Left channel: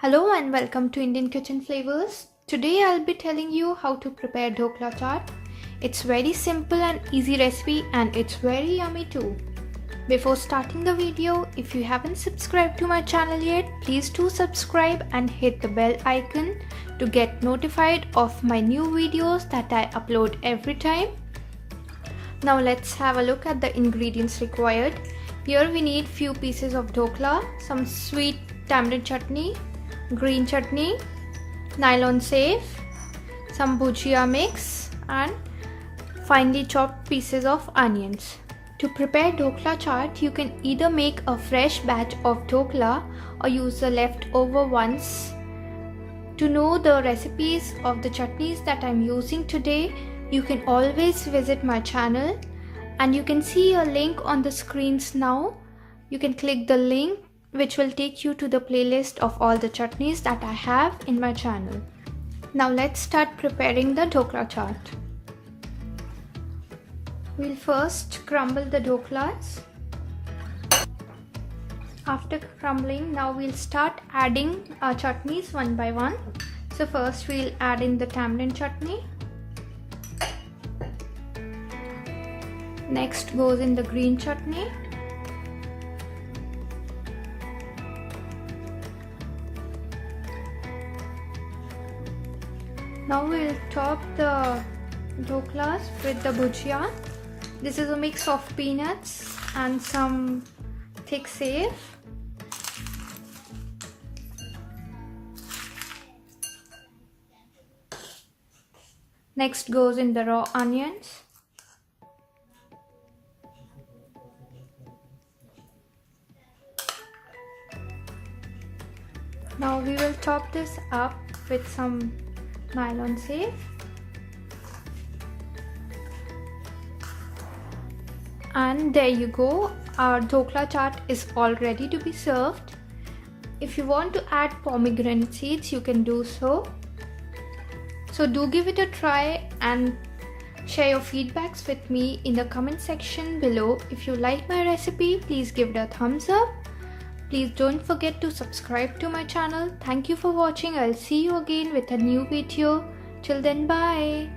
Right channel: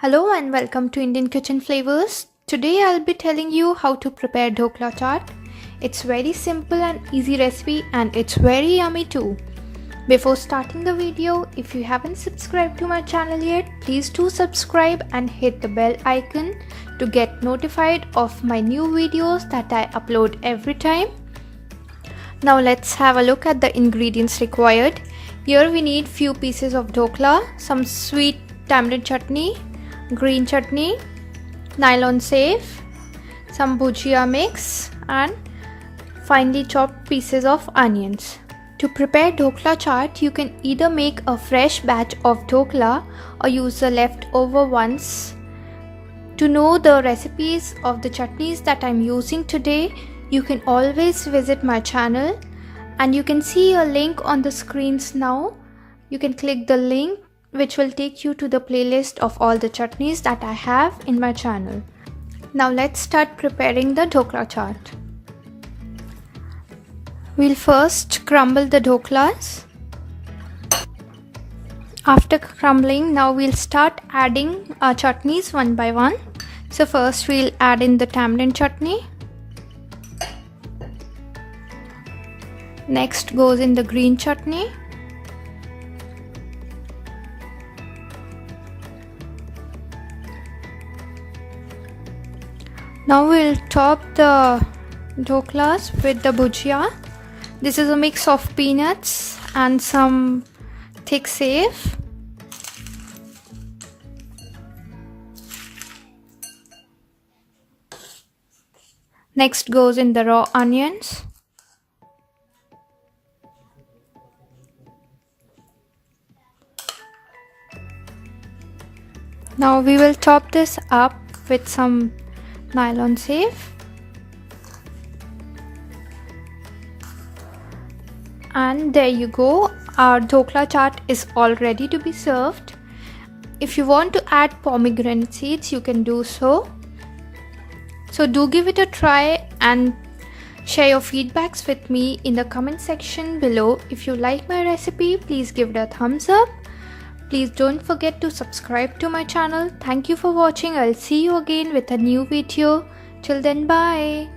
Hello and welcome to Indian Kitchen Flavours. Today I'll be telling you how to prepare Dhokla Chaat. It's very simple and easy recipe and it's very yummy too. Before starting the video, if you haven't subscribed to my channel yet, please do subscribe and hit the bell icon to get notified of my new videos that I upload every time. Now let's have a look at the ingredients required. Here we need few pieces of dhokla, some sweet tamarind chutney, green chutney, nylon safe, some bhujia mix and finely chopped pieces of onions. To prepare dhokla chaat, you can either make a fresh batch of dhokla or use the leftover ones. To know the recipes of the chutneys that I'm using today, you can always visit my channel and you can see a link on the screens now. You can click the link which will take you to the playlist of all the chutneys that I have in my channel. Now let's start preparing the dhokla chaat. We'll first crumble the dhoklas. After crumbling, now we'll start adding our chutneys one by one. So first we'll add in the tamarind chutney. Next goes in the green chutney. Now we'll top the dhoklas with the bhujia. This is a mix of peanuts and some thick safe. Next goes in the raw onions. Now we will top this up with some nylon safe. And there you go, our dhokla chaat is all ready to be served. If you want to add pomegranate seeds, you can do so. So do give it a try and share your feedbacks with me in the comment section below. If you like my recipe, please give it a thumbs up. Please don't forget to subscribe to my channel. Thank you for watching. I'll see you again with a new video. Till then, bye.